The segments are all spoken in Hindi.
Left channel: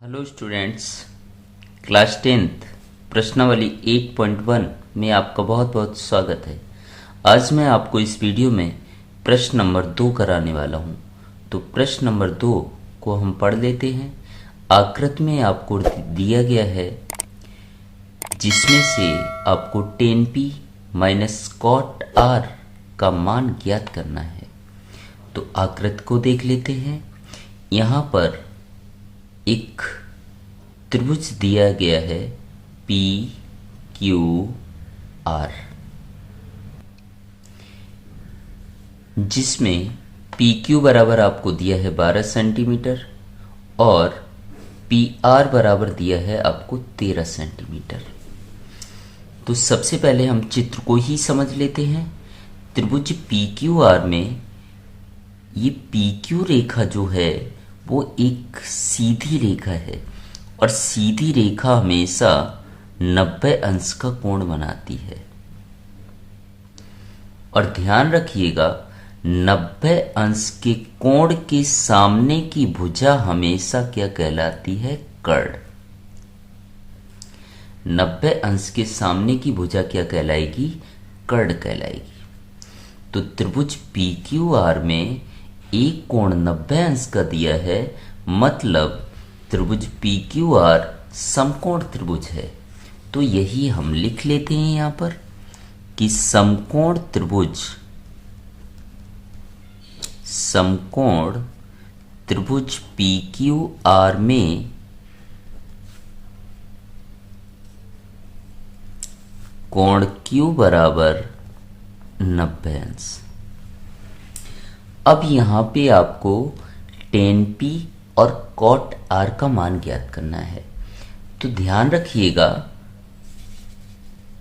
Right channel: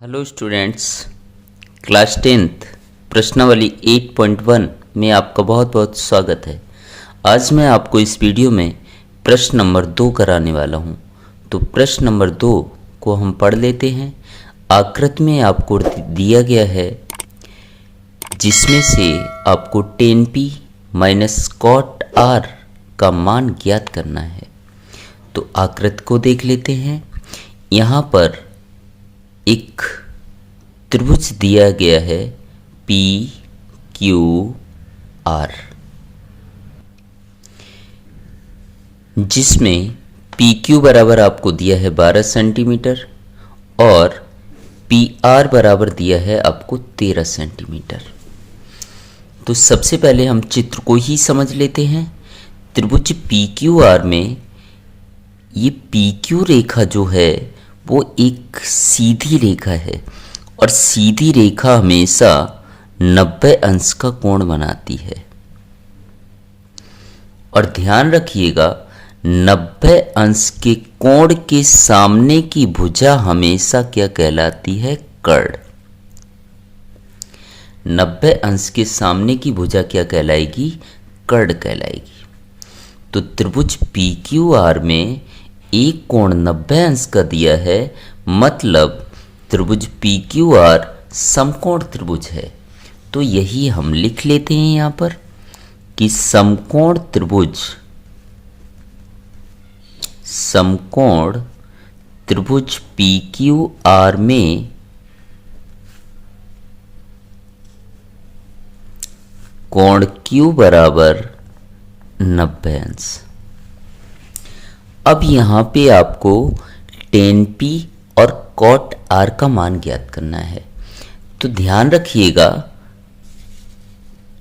हेलो स्टूडेंट्स, क्लास 10th प्रश्नावली 8.1 में आपका बहुत बहुत स्वागत है। आज मैं आपको इस वीडियो में प्रश्न नंबर 2 कराने वाला हूं। तो प्रश्न नंबर 2 को हम पढ़ लेते हैं। आकृति में आपको दिया गया है जिसमें से आपको tan p minus cot r का मान ज्ञात करना है। तो आकृति को देख लेते हैं। यहाँ पर एक त्रिभुज दिया गया है पी क्यू आर, जिसमें पी क्यू बराबर आपको दिया है 12 सेंटीमीटर और पी आर बराबर दिया है आपको 13 सेंटीमीटर। तो सबसे पहले हम चित्र को ही समझ लेते हैं। त्रिभुज पी क्यू आर में ये पी क्यू रेखा जो है वो एक सीधी रेखा है और सीधी रेखा हमेशा 90 अंश का कोण बनाती है। और ध्यान रखिएगा, 90 अंश के कोण के सामने की भुजा हमेशा क्या कहलाती है? कर्ण। 90 अंश के सामने की भुजा क्या कहलाएगी? कर्ण कहलाएगी। तो त्रिभुज पी क्यू आर में एक कोण 90 अंश का दिया है, मतलब त्रिभुज पी क्यू आर समकोण त्रिभुज है। तो यही हम लिख लेते हैं यहाँ पर कि समकोण त्रिभुज पी क्यू आर में कोण Q बराबर 90 अंश। अब यहाँ पे आपको tan p और cot r का मान ज्ञात करना है। तो ध्यान रखिएगा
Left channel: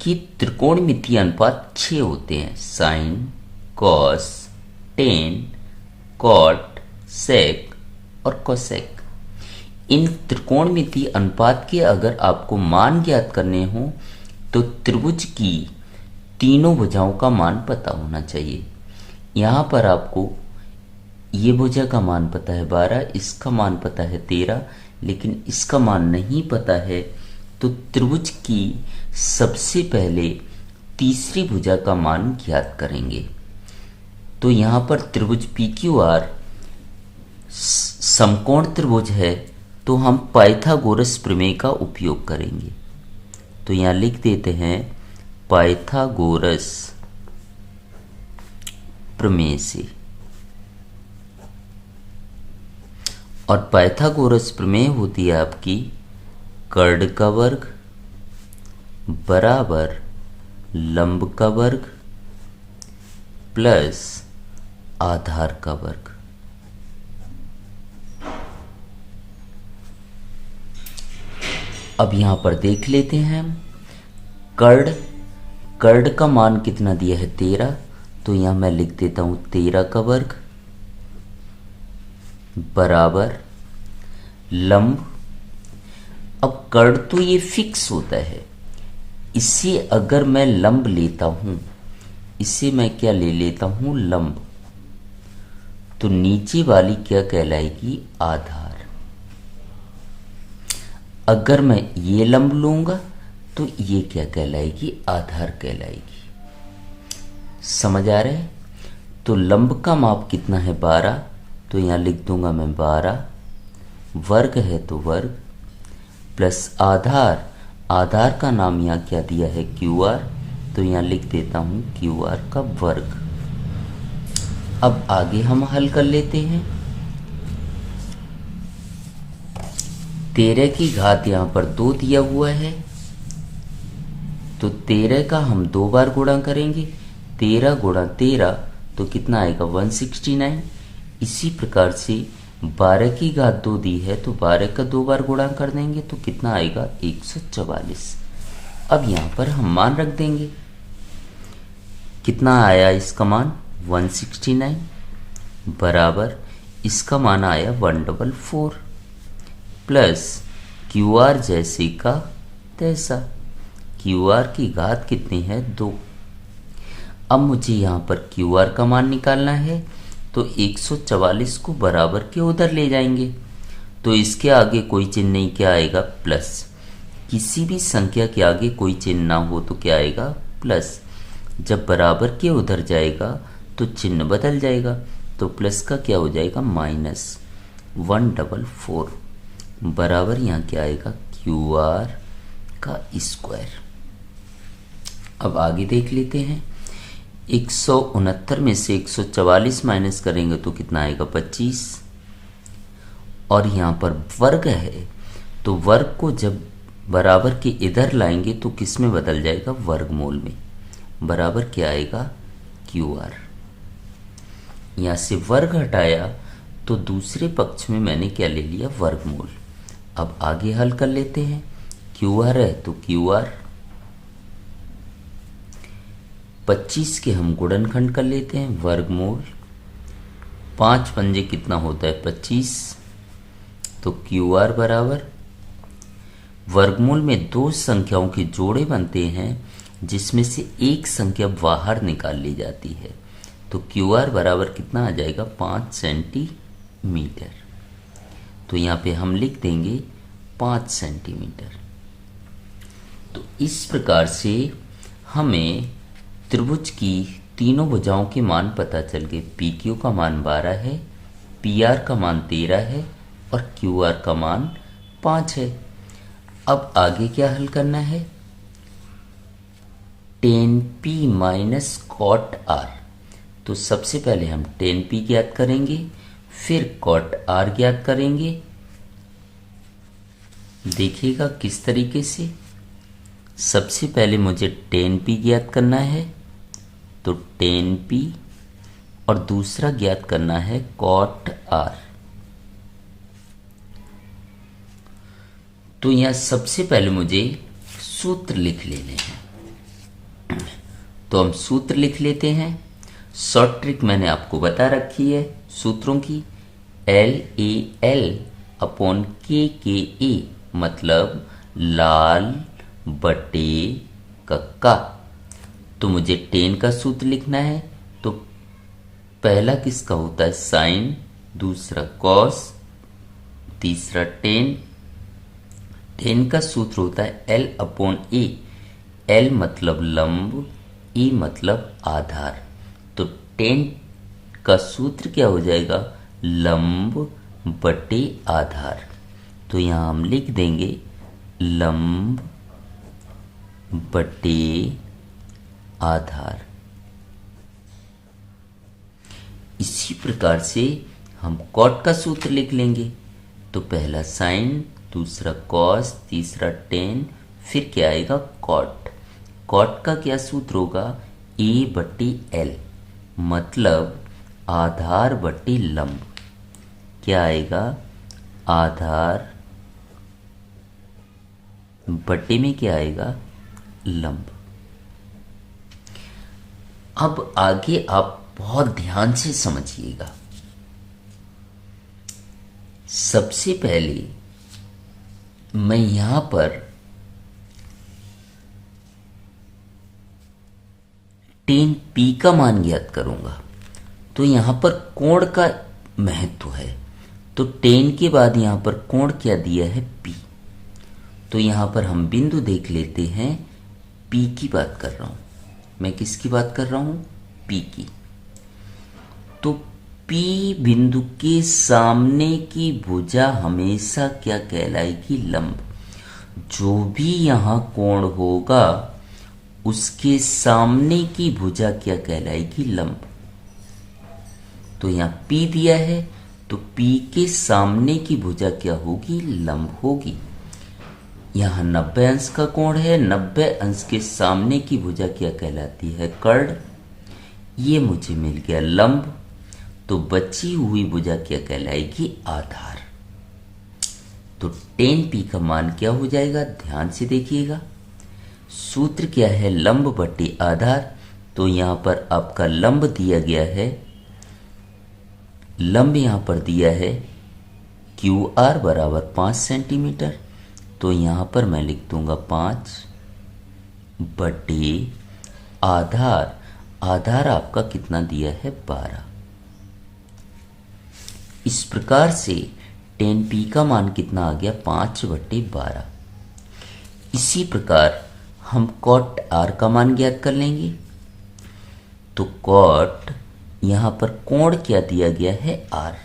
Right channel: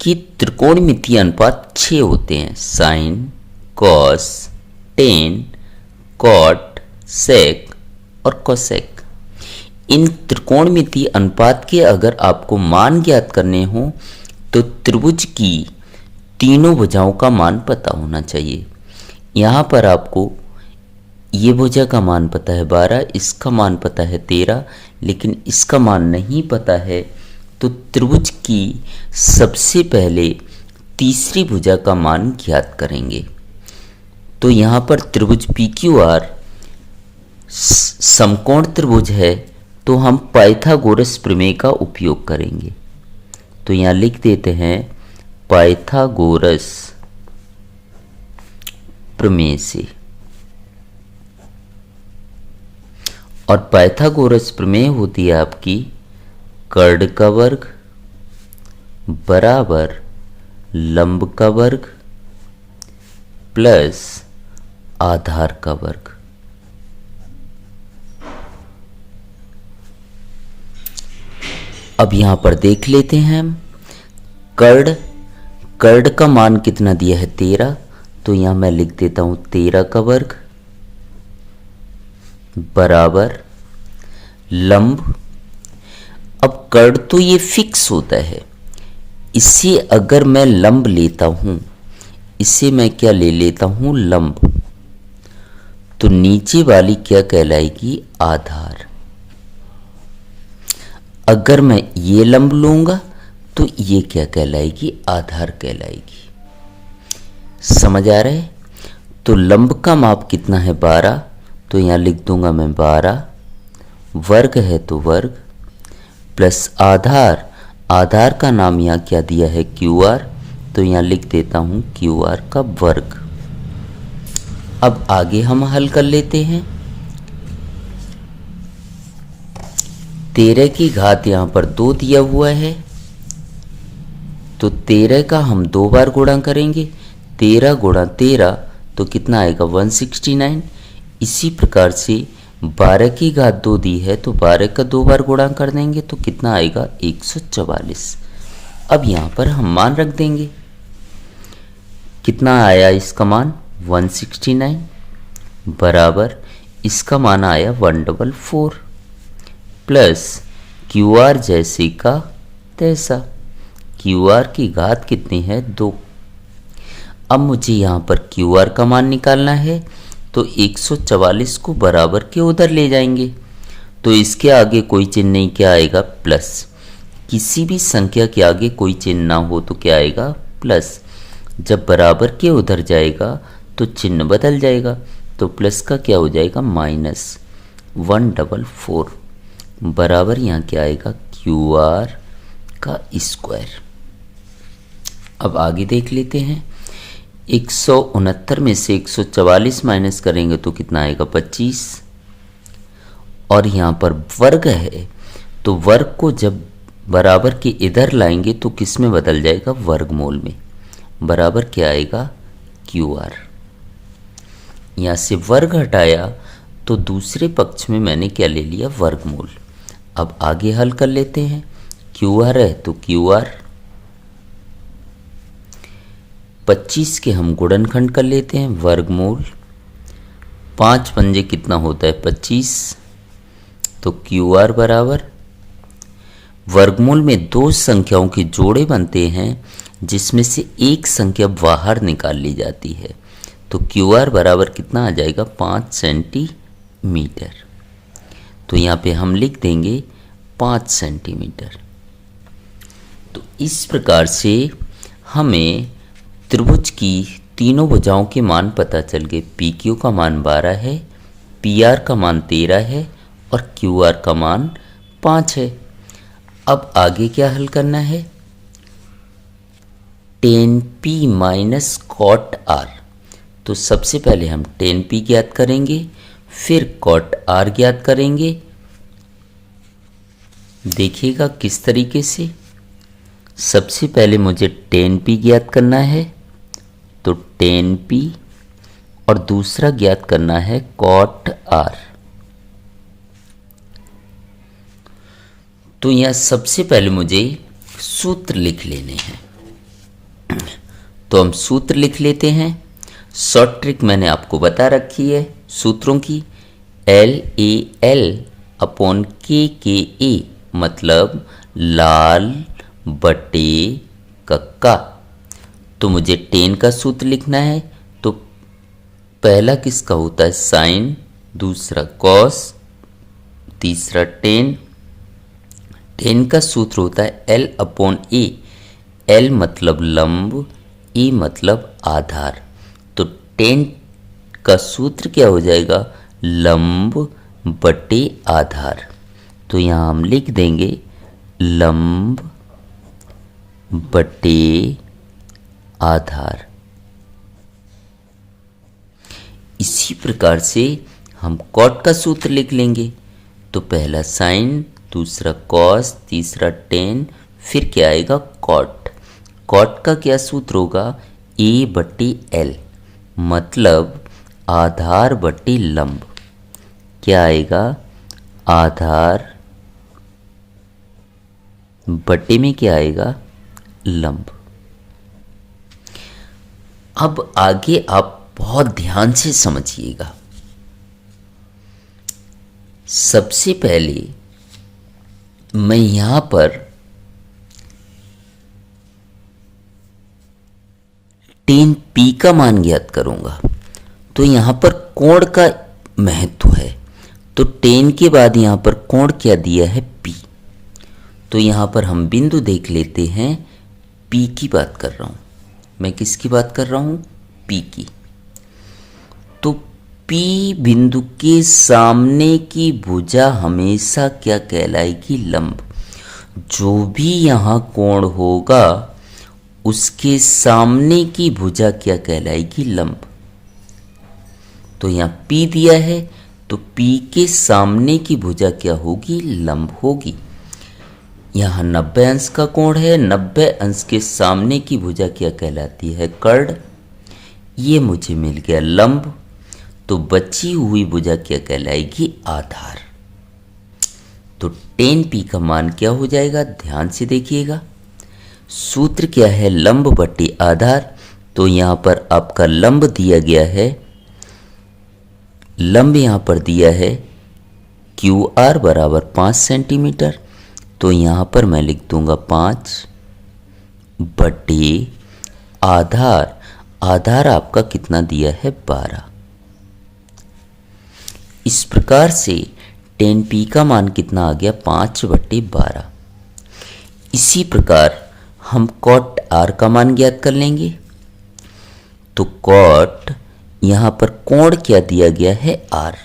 कि त्रिकोणमितीय अनुपात 6 होते हैं। साइन, कॉस, टेन, कॉट, सेक और कोसेक। इन त्रिकोणमितीय अनुपात के अगर आपको मान ज्ञात करने हो तो त्रिभुज की तीनों भुजाओं का मान पता होना चाहिए। यहाँ पर आपको ये भुजा का मान पता है 12, इसका मान पता है 13, लेकिन इसका मान नहीं पता है। तो त्रिभुज की सबसे पहले तीसरी भुजा का मान ज्ञात करेंगे। तो यहाँ पर त्रिभुज पी क्यू आर समकोण त्रिभुज है, तो हम पाइथागोरस प्रमेय का उपयोग करेंगे। तो यहाँ लिख देते हैं पाइथागोरस प्रमेय से। और पाइथागोरस प्रमेय होती है आपकी कर्ण का वर्ग बराबर लंब का वर्ग प्लस आधार का वर्ग। अब यहां पर देख लेते हैं हम कर्ण का मान कितना दिया है? 13। तो यहां मैं लिख देता हूं 13 का वर्ग बराबर लंब। अब कर्ण तो ये फिक्स होता है, इसे अगर मैं लंब लेता हूं, इसे मैं क्या ले लेता हूं? लंब। तो नीचे वाली क्या कहलाएगी? आधार। अगर मैं ये लंब लूंगा तो ये क्या कहलाएगी? आधार कहलाएगी। समझ आ रहा है? तो लंब का माप कितना है? 12। तो यहाँ लिख दूंगा मैं 12, वर्ग है तो वर्ग प्लस आधार का नाम यहाँ क्या दिया है? Q R. तो यहाँ लिख देता हूँ क्यू आर का वर्ग। अब आगे हम हल कर लेते हैं। 13 की घात यहाँ पर 2 दिया हुआ है, तो 13 का हम 2 बार गुणा करेंगे। 13 गुणा 13 तो कितना आएगा? 169। इसी प्रकार से 12 की घात 2 दी है, तो 12 का 2 बार गुणा कर देंगे तो कितना आएगा? 144। अब यहाँ पर हम मान रख देंगे। कितना आया इसका मान? 169 बराबर इसका मान आया 144 प्लस क्यू आर जैसे का तैसा। क्यू आर की घात कितनी है? 2। अब मुझे यहाँ पर क्यू आर का मान निकालना है, तो 144 को बराबर के उधर ले जाएंगे। तो इसके आगे कोई चिन्ह नहीं, क्या आएगा? प्लस। किसी भी संख्या के आगे कोई चिन्ह ना हो तो क्या आएगा? प्लस। जब बराबर के उधर जाएगा तो चिन्ह बदल जाएगा, तो प्लस का क्या हो जाएगा? -144 बराबर यहाँ क्या आएगा? QR का स्क्वायर। अब आगे देख लेते हैं। 169 में से 144 माइनस करेंगे तो कितना आएगा? 25। और यहाँ पर वर्ग है, तो वर्ग को जब बराबर के इधर लाएंगे तो किस में बदल जाएगा? वर्गमूल में। बराबर क्या आएगा? QR। यहाँ से वर्ग हटाया तो दूसरे पक्ष में मैंने क्या ले लिया? वर्गमूल। अब आगे हल कर लेते हैं। QR है तो QR, 25 के हम गुणनखंड कर लेते हैं, वर्गमूल। 5 पंजे कितना होता है? 25। तो QR बराबर, वर्गमूल में दो संख्याओं के जोड़े बनते हैं जिसमें से एक संख्या बाहर निकाल ली जाती है, तो QR बराबर कितना आ जाएगा? 5 सेंटीमीटर। तो यहाँ पे हम लिख देंगे 5 सेंटीमीटर। तो इस प्रकार से हमें त्रिभुज की तीनों भुजाओं के मान पता चल गए। PQ का मान 12 है, PR का मान 13 है और QR का मान 5 है। अब आगे क्या हल करना है? tan P minus cot R। तो सबसे पहले हम tan P ज्ञात करेंगे, फिर cot R ज्ञात करेंगे। देखिएगा किस तरीके से। सबसे पहले मुझे tan P ज्ञात करना है, तो tan P, और दूसरा ज्ञात करना है cot R। तो यहां सबसे पहले मुझे सूत्र लिख लेने हैं, तो हम सूत्र लिख लेते हैं। शॉर्ट ट्रिक मैंने आपको बता रखी है सूत्रों की। LAL अपॉन KKA मतलब लाल बटे कक्का। तो मुझे tan का सूत्र लिखना है, तो पहला किसका होता है? साइन, दूसरा कॉस, तीसरा tan। tan का सूत्र होता है L अपॉन A। L मतलब लंब, E मतलब आधार। तो tan का सूत्र क्या हो जाएगा? लंब बटे आधार। तो यहाँ हम लिख देंगे लंब बटे आधार। इसी प्रकार से हम कॉट का सूत्र लिख लेंगे, तो पहला साइन, दूसरा कॉस, तीसरा tan, फिर क्या आएगा? कॉट। कॉट का क्या सूत्र होगा? A बटे L मतलब आधार बटे लंब। क्या आएगा? आधार बटे में क्या आएगा? लंब। अब आगे आप बहुत ध्यान से समझिएगा। सबसे पहले मैं यहां पर tan P का मान ज्ञात करूंगा, तो यहां पर कोण का महत्व है। तो tan के बाद यहां पर कोण क्या दिया है? P। तो यहां पर हम बिंदु देख लेते हैं। P की बात कर रहा हूं मैं। किसकी बात कर रहा हूं? P की। तो P बिंदु के सामने की भुजा हमेशा क्या कहलाएगी? लंब। जो भी यहां कोण होगा उसके सामने की भुजा क्या कहलाएगी? लंब। तो यहां P दिया है, तो P के सामने की भुजा क्या होगी? लंब होगी। यहाँ 90 अंश का कोण है, 90 अंश के सामने की भुजा क्या कहलाती है? कर्ण। ये मुझे मिल गया लंब। तो बची हुई भुजा क्या कहलाएगी? आधार। तो tan P का मान क्या हो जाएगा? ध्यान से देखिएगा। सूत्र क्या है? लंब बटे आधार। तो यहाँ पर आपका लंब दिया गया है, लंब यहाँ पर दिया है QR बराबर 5 सेंटीमीटर। तो यहाँ पर मैं लिख दूंगा 5 बटे आधार। आधार आपका कितना दिया है? 12। इस प्रकार से टेन पी का मान कितना आ गया 5/12। इसी प्रकार हम कॉट आर का मान ज्ञात कर लेंगे। तो कॉट यहाँ पर कोण क्या दिया गया है आर,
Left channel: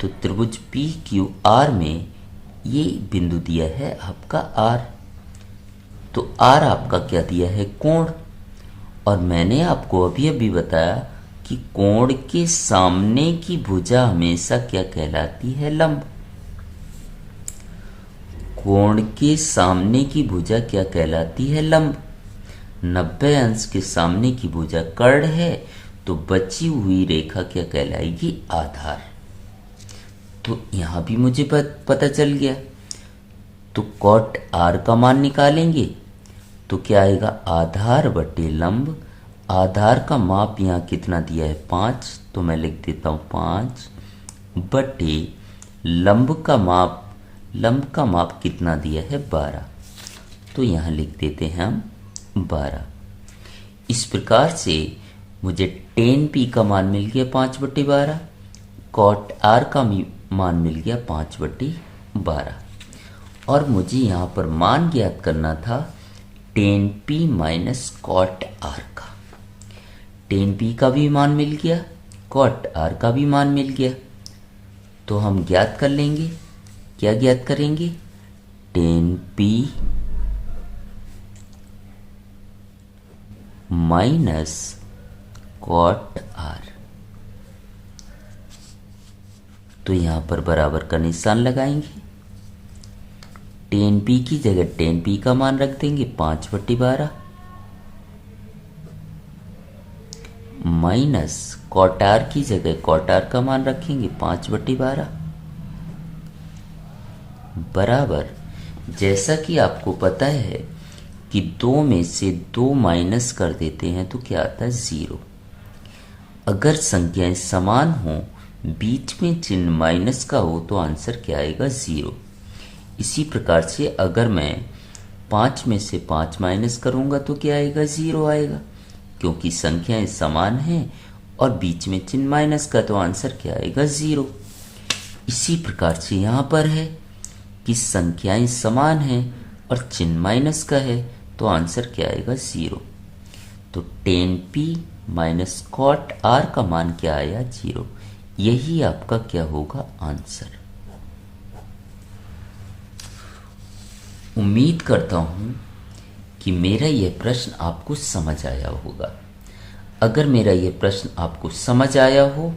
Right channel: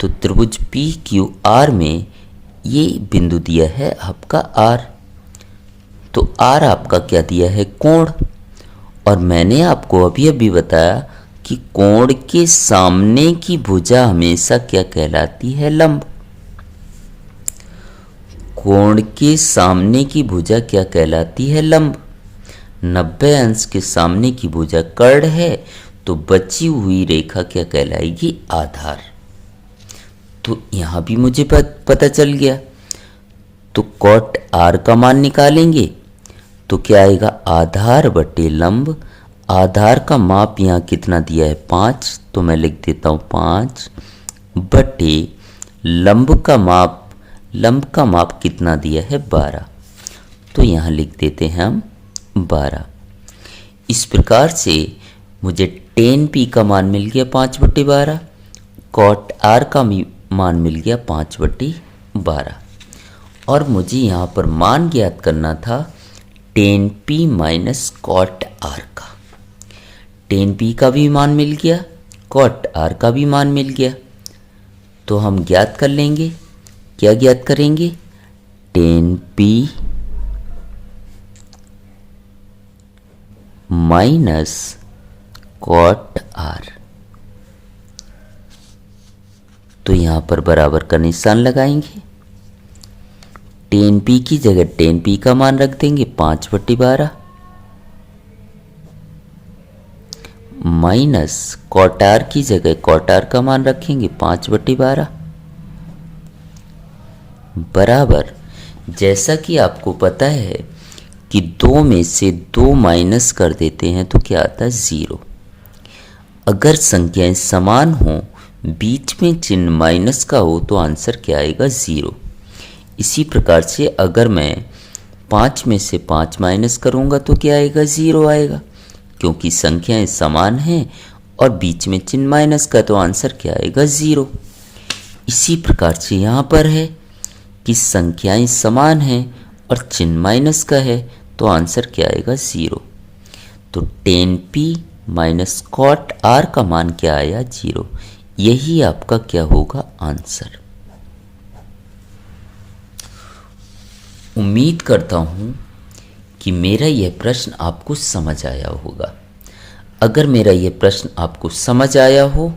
तो त्रिभुज पी क्यू आर में ये बिंदु दिया है आपका आर, तो आर आपका क्या दिया है कोण। और मैंने आपको अभी अभी बताया कि कोण के सामने की भुजा हमेशा क्या कहलाती है लंब। कोण के सामने की भुजा क्या कहलाती है लंब। 90 अंश के सामने की भुजा कर्ण है, तो बची हुई रेखा क्या कहलाएगी आधार। तो यहां भी मुझे पता चल गया। तो कॉट आर का मान निकालेंगे तो क्या आएगा आधार बटे लंब। आधार का माप यहाँ कितना दिया है 5, तो मैं लिख देता हूँ 5 बटे लंब का माप कितना दिया है 12, तो यहाँ लिख देते हैं हम 12। इस प्रकार से मुझे टेन पी का मान मिल गया 5/12, कॉट आर का मान मिल गया 5/12, और मुझे यहाँ पर मान ज्ञात करना था tan P minus cot R का। टेन पी का भी मान मिल गया, कॉट आर का भी मान मिल गया, तो हम ज्ञात कर लेंगे। क्या ज्ञात करेंगे, tan P minus cot R. तो यहां पर बराबर का निशान लगाएंगे। टेन पी की जगह टेन पी का मान रख देंगे 5/12 माइनस कॉट आर की जगह कॉट आर का मान रखेंगे 5/12 बराबर। जैसा कि आपको पता है कि 2 में से 2 माइनस कर देते हैं तो क्या आता है 0। अगर संख्याएं समान हो, बीच में चिन्ह माइनस का हो, तो आंसर क्या आएगा 0। इसी प्रकार से अगर मैं 5 में से 5 माइनस करूंगा तो क्या आएगा 0 आएगा, क्योंकि संख्याएं समान हैं और बीच में चिन्ह माइनस का, तो आंसर क्या आएगा 0। इसी प्रकार से यहाँ पर है कि संख्याएं समान हैं और चिन्ह माइनस का है, तो आंसर क्या आएगा 0। तो tan P minus cot R का मान क्या आया 0। यही आपका क्या होगा आंसर। उम्मीद करता हूं कि मेरा यह प्रश्न आपको समझ आया होगा। अगर मेरा यह प्रश्न आपको समझ आया हो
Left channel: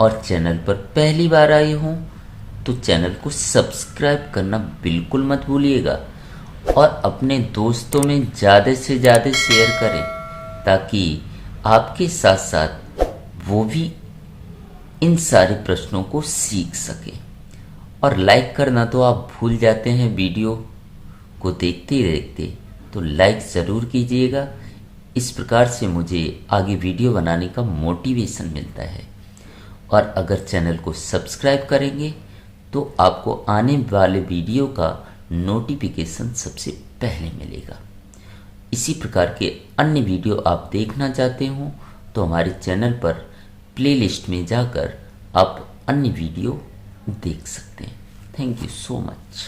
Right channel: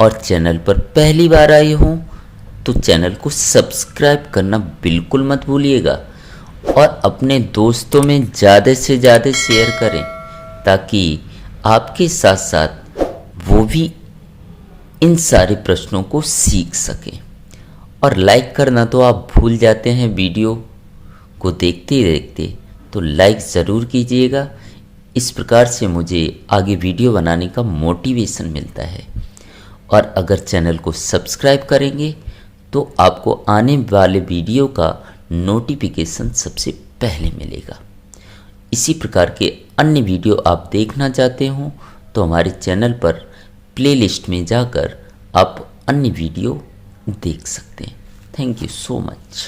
और चैनल पर पहली बार आए हो तो चैनल को सब्सक्राइब करना बिल्कुल मत भूलिएगा और अपने दोस्तों में ज़्यादा से ज़्यादा शेयर करें, ताकि आपके साथ साथ वो भी इन सारे प्रश्नों को सीख सकें। और लाइक करना तो आप भूल जाते हैं, वीडियो को देखते ही देखते, तो लाइक ज़रूर कीजिएगा। इस प्रकार से मुझे आगे वीडियो बनाने का मोटिवेशन मिलता है। और अगर चैनल को सब्सक्राइब करेंगे तो आपको आने वाले वीडियो का नोटिफिकेशन सबसे पहले मिलेगा। इसी प्रकार के अन्य वीडियो आप देखना चाहते हो तो हमारे चैनल पर प्लेलिस्ट में जाकर आप अन्य वीडियो देख सकते हैं। Thank you so much.